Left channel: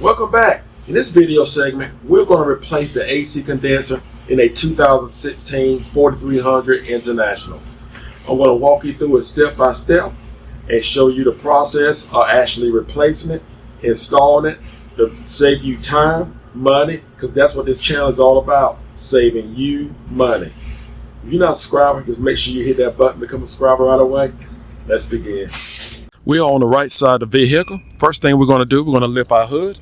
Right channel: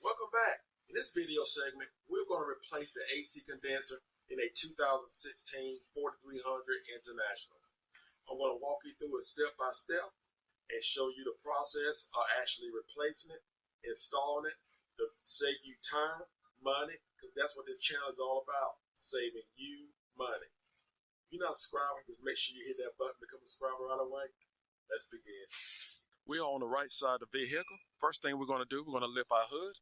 Welcome back. In this video segment, we're going to replace the AC condenser in a 2016 4300 International. I'm going to walk you through it step by step and show you the process of actually replacing it, installing it, to save you time, money, because that's what this channel is all about, saving you money. If you're not a subscriber, just make sure you hit that button to become a subscriber right away. Let's begin. We are on the right side of the vehicle. First thing we're going to do, we're going to lift our hood.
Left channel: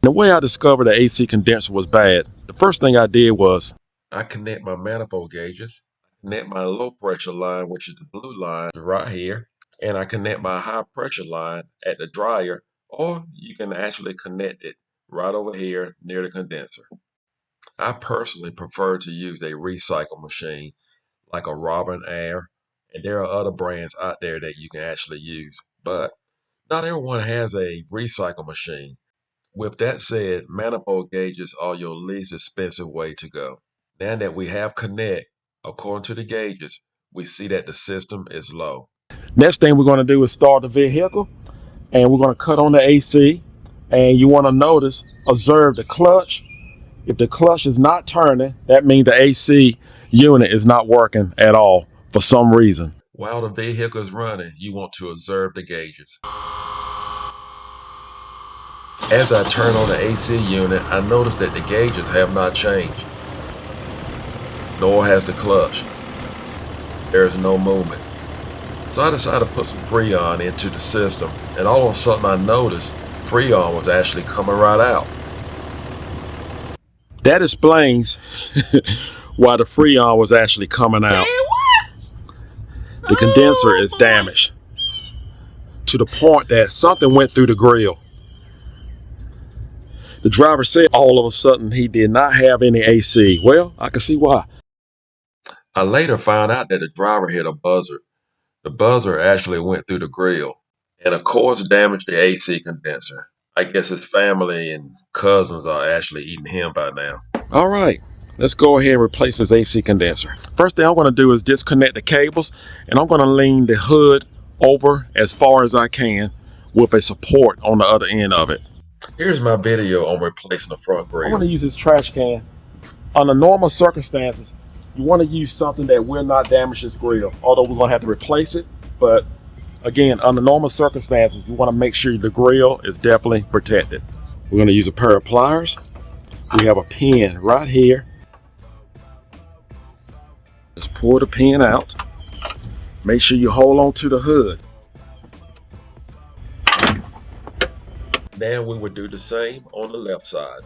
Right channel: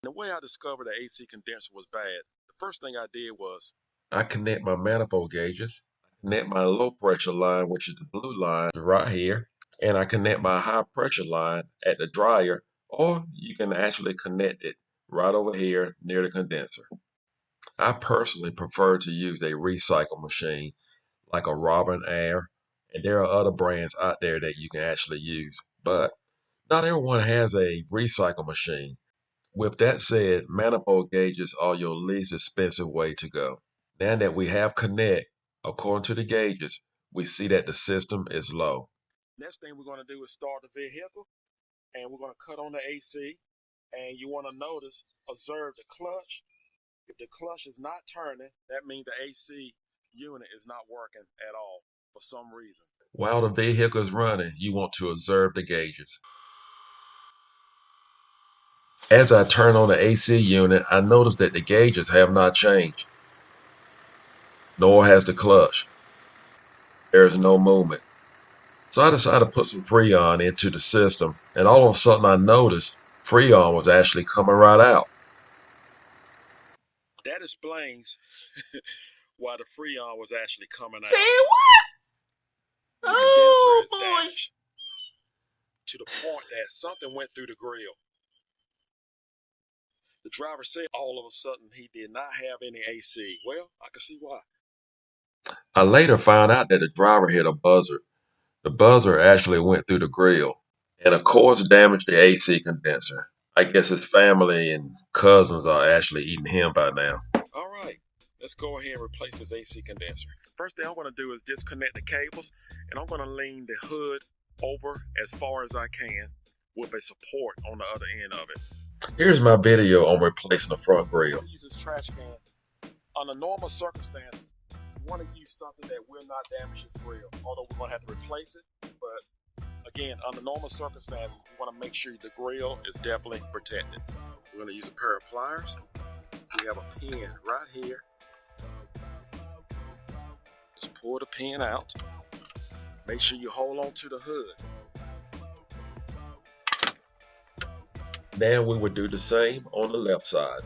The way I discovered the AC condenser was bad, the first thing I did was I connect my manifold gauges, connect my low pressure line, which is the blue line right here, and I connect my high pressure line at the dryer, or you can actually connect it right over here near the condenser. I personally prefer to use a recycle machine like a Robin Air, and there are other brands out there that you can actually use, but not everyone has a recycle machine. With that said, manifold gauges are your least expensive way to go. Now that we have connect, according to the gauges, we see that the system is low. Next thing we're going to do is start the vehicle, and we're going to cut on the AC, and you want to observe the clutch. If the clutch is not turning, that means the AC unit is not working at all for some reason. While the vehicle is running, you want to observe the gauges. As I turn on the AC unit, I notice that the gauges have not changed, nor has the clutch. There is no movement. So I decided to put some Freon into the system, and all of a sudden I noticed Freon was actually coming right out. That explains why the Freon was actually coming out. The condenser is damaged to the point that something went through the grill. The driver said all of a sudden he did not have any AC. Well, I can see why. I later found out that the driver hit a buzzer. The buzzer actually went through the grill and of course damaged the AC condenser. I guess his family and cousins are actually eating him by now. All right, let's go ahead and replace his AC condenser. First thing I'm going to do is disconnect the cables, and I'm going to lean the hood over as far as I can with a support on the other end of it. Here's my video on replacing the front grill. I want to use this trash can. Under normal circumstances, you want to use something that will not damage this grill, although we're going to have to replace it. But again, under normal circumstances, you want to make sure the grill is definitely protected. We're going to use a pair of pliers. We have a pin right here. Just pull the pin out. Make sure you hold on to the hood. Now we would do the same on the left side.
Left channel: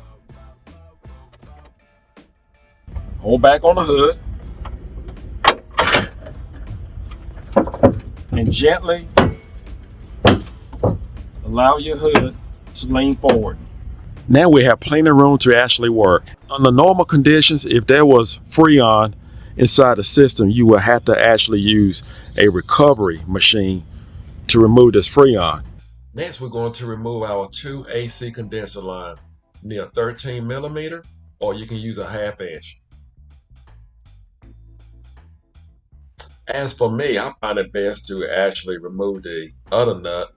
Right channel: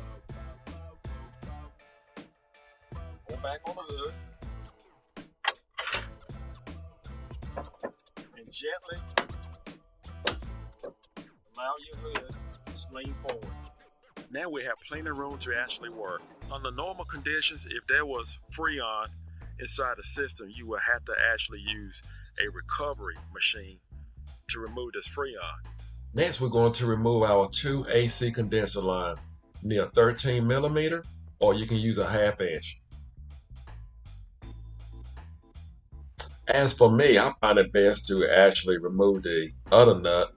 Hold back on the hood. And gently allow your hood to lean forward. Now we have plenty of room to actually work. Under normal conditions, if there was Freon inside the system, you will have to actually use a recovery machine to remove this Freon. Next, we're going to remove our two AC condenser lines. You need a 13 millimeter, or you can use a 1/2 inch. As for me, I find it best to actually remove the other nut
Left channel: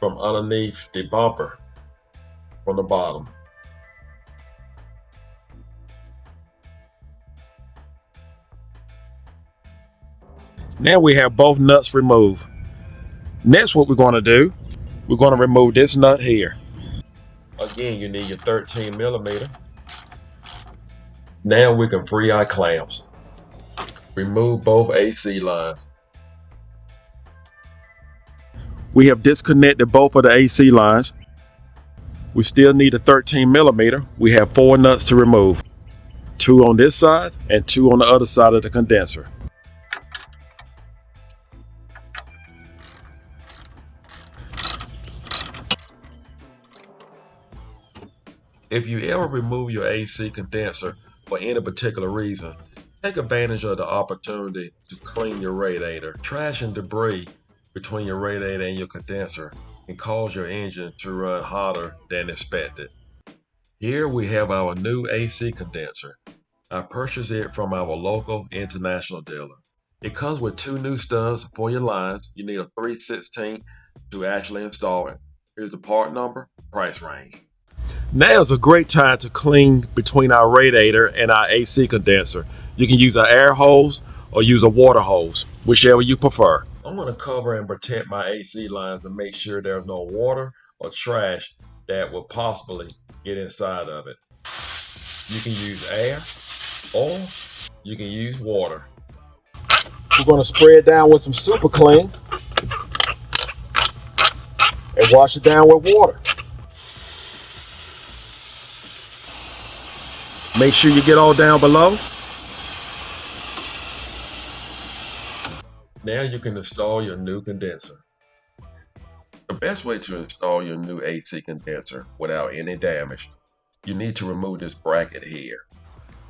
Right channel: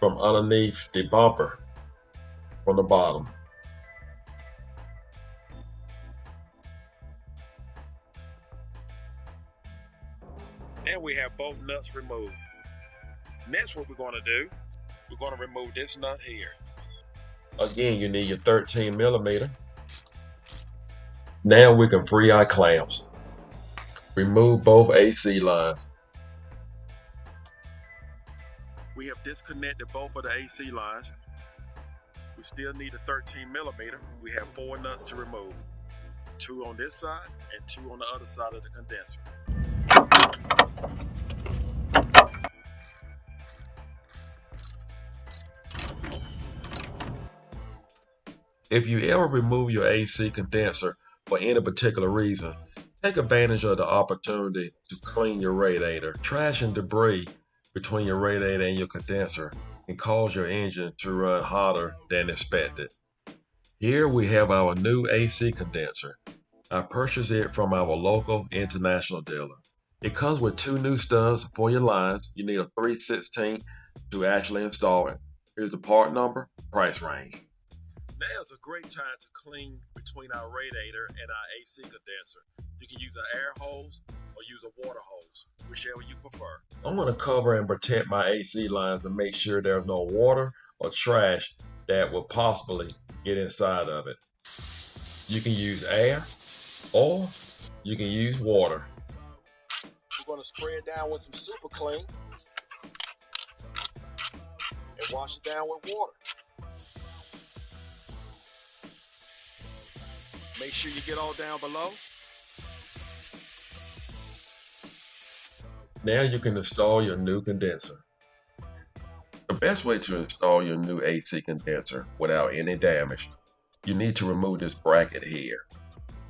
from underneath the bumper from the bottom. Now we have both nuts removed. Next, what we're going to do, we're going to remove this nut here. Again, you need your 13 millimeter. Now we can free our clamps. Remove both AC lines. We have disconnected both of the AC lines. We still need a 13 millimeter. We have 4 nuts to remove. 2 on this side and 2 on the other side of the condenser. If you ever remove your AC condenser for any particular reason, take advantage of the opportunity to clean your radiator. Trash and debris between your radiator and your condenser can cause your engine to run hotter than expected. Here we have our new AC condenser. I purchased it from our local international dealer. It comes with 2 new studs for your lines. You need a 3/16 to actually install it. Here's the part number, price range. Now is a great time to clean between our radiator and our AC condenser. You can use an air hose or use a water hose, whichever you prefer. I'm going to cover and protect my AC lines to make sure there's no water or trash that will possibly get inside of it. You can use air or you can use water. We're going to spray it down with some super clean and wash it down with water. Make sure you get all down below. Now you can install your new condenser. The best way to install your new AC condenser without any damage, you need to remove this bracket here.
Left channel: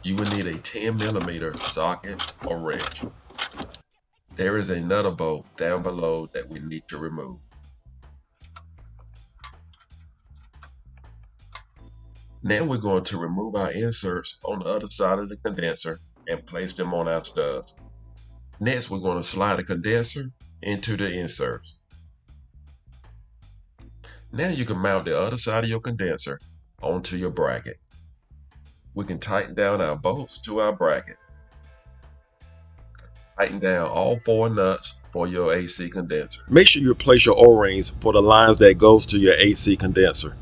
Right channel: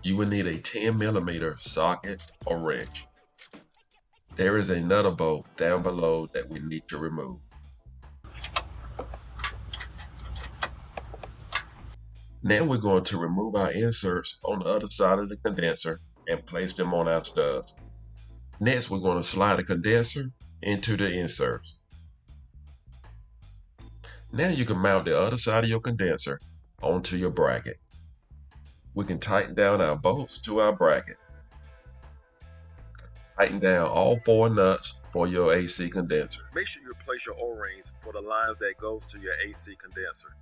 You will need a 10mm socket or wrench. There is another bolt down below that we need to remove. Now we're going to remove our inserts on the other side of the condenser and place them on our studs. Next, we're going to slide the condenser into the inserts. Now you can mount the other side of your condenser onto your bracket. We can tighten down our bolts to our bracket. Tighten down all 4 nuts for your AC condenser. Make sure you replace your O-rings for the lines that goes to your AC condenser.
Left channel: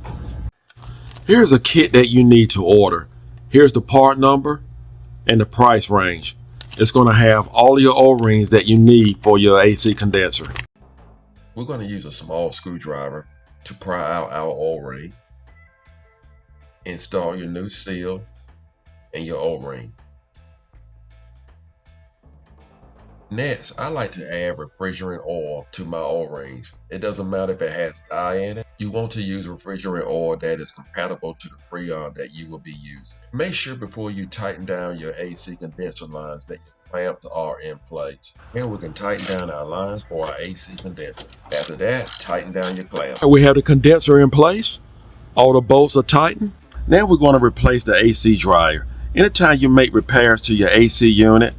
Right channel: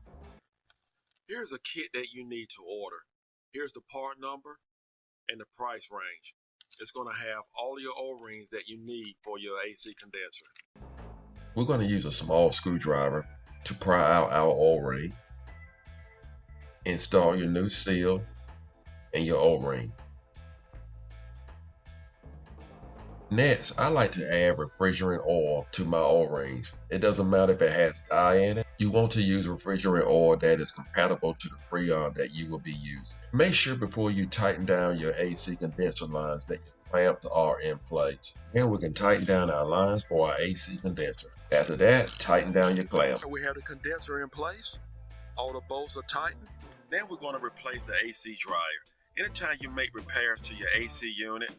Here's a kit that you need to order. Here's the part number and the price range. It's going to have all your O-rings that you need for your AC condenser. We're going to use a small screwdriver to pry out our O-ring. Install your new seal and your O-ring. Next, I like to add refrigerant oil to my O-rings. It doesn't matter if it has dye in it. You want to use refrigerant oil that is compatible to the Freon that you will be using. Make sure before you tighten down your AC condenser lines that your clamps are in place. Then we can tighten down our lines for our AC condenser. After that, tighten down your clamp. We have the condenser in place. All the bolts are tightened. Now we're going to replace the AC dryer. Anytime you make repairs to your AC unit,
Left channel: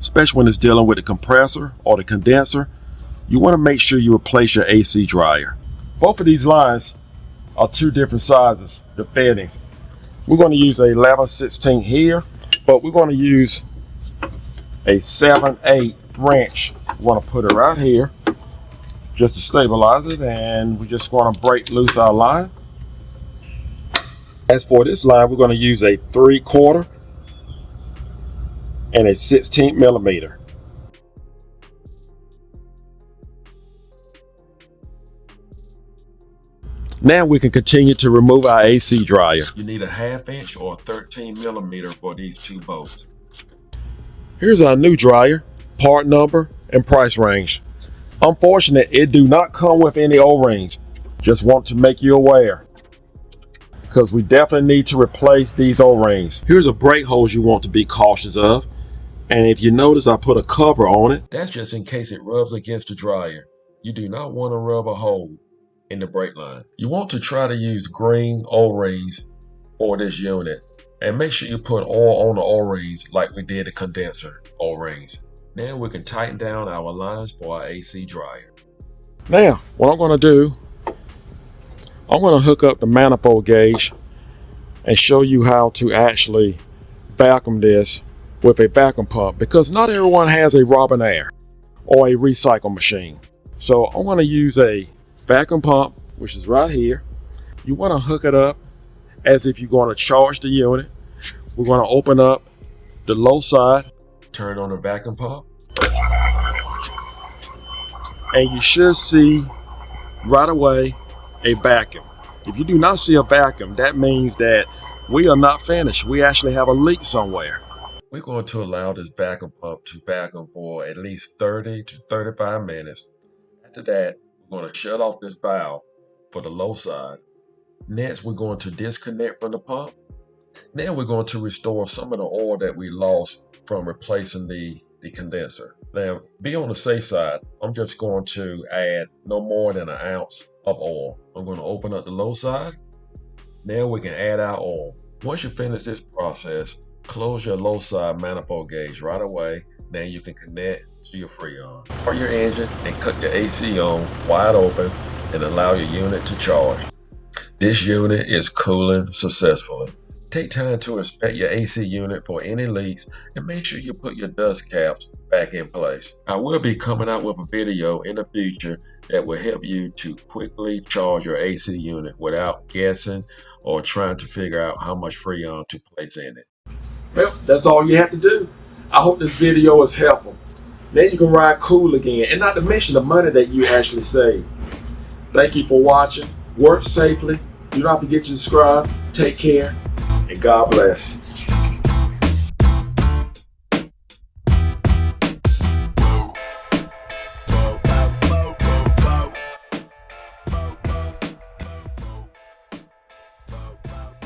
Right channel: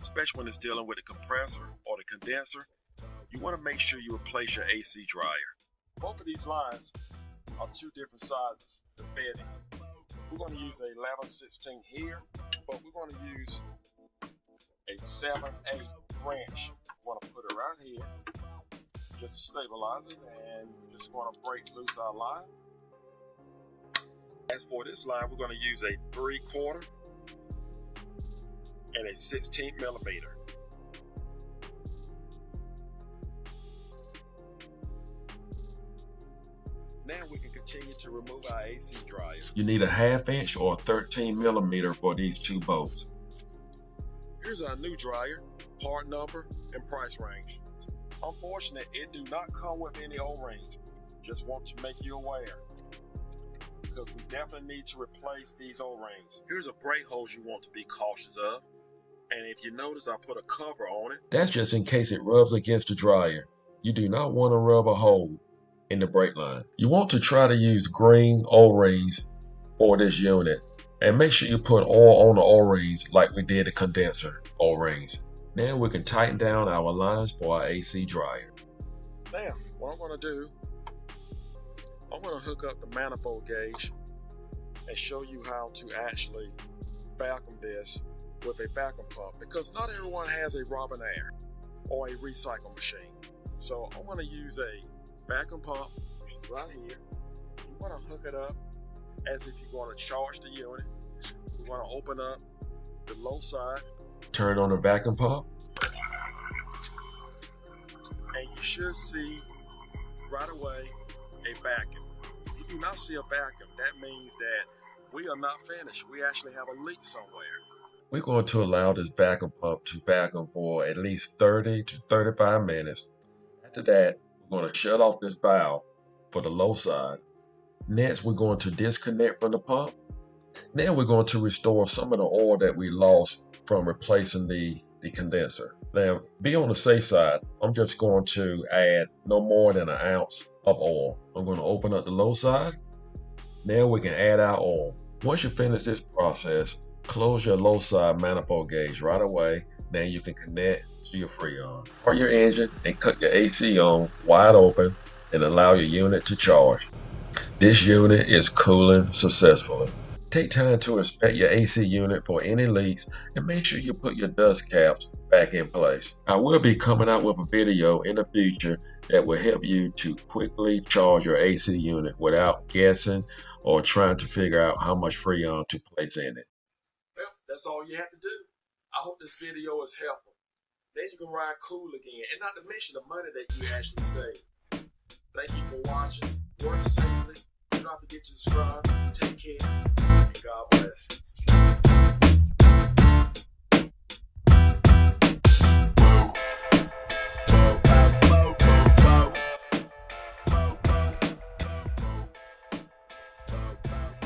especially when it's dealing with the compressor or the condenser, you want to make sure you replace your AC dryer. Both of these lines are 2 different sizes, the fittings. We're going to use a 11/16 here, but we're going to use a 7/8 wrench. We want to put it right here just to stabilize it, and we're just going to break loose our line. As for this line, we're going to use a 3/4 and a 16mm. Now we can continue to remove our AC dryer. You need a 1/2 inch or 13mm for these 2 bolts. Here's our new dryer, part number and price range. Unfortunately, it do not come with any O-rings. Just want to make you aware, because we definitely need to replace these O-rings. Here's a brake hose you want to be cautious of. And if you notice, I put a cover on it. That's just in case it rubs against the dryer. You do not want to rub a hole in the brake line. You want to try to use green O-rings for this unit. And make sure you put oil on the O-rings like we did the condenser O-rings. Now we can tighten down our lines for our AC dryer. Now, what I'm going to do, I'm going to hook up the manifold gauge and show you how to actually vacuum this with a vacuum pump, because not everyone has a Robinair or a recycle machine. So I'm going to use a vacuum pump, which is right here. You want to hook it up as if you're going to charge the unit. We're going to open up the low side, turn on the vacuum pump, and you should see right away a vacuum. If you do not see a vacuum, that means that we are not finished. We actually have a leak somewhere. We're going to allow this vacuum pump to vacuum for at least 30 to 35 minutes. After that, we're going to shut off this valve for the low side. Next, we're going to disconnect from the pump. Now we're going to restore some of the oil that we lost from replacing the condenser. Now, be on the safe side. I'm just going to add no more than 1 ounce of oil. I'm going to open up the low side. Now we can add our oil. Once you finish this process, close your low side manifold gauge right away. Now you can connect to your Freon. Start your engine and cut your AC on wide open and allow your unit to charge. This unit is cooling successfully. Take time to inspect your AC unit for any leaks and make sure you put your dust caps back in place. I will be coming out with a video in the future that will help you to quickly charge your AC unit without guessing or trying to figure out how much Freon to place in it. Well, that's all you have to do. I hope this video is helpful. Now you can ride cool again, and not to mention the money that you actually save. Thank you for watching. Work safely. Do not forget to subscribe. Take care, and God bless.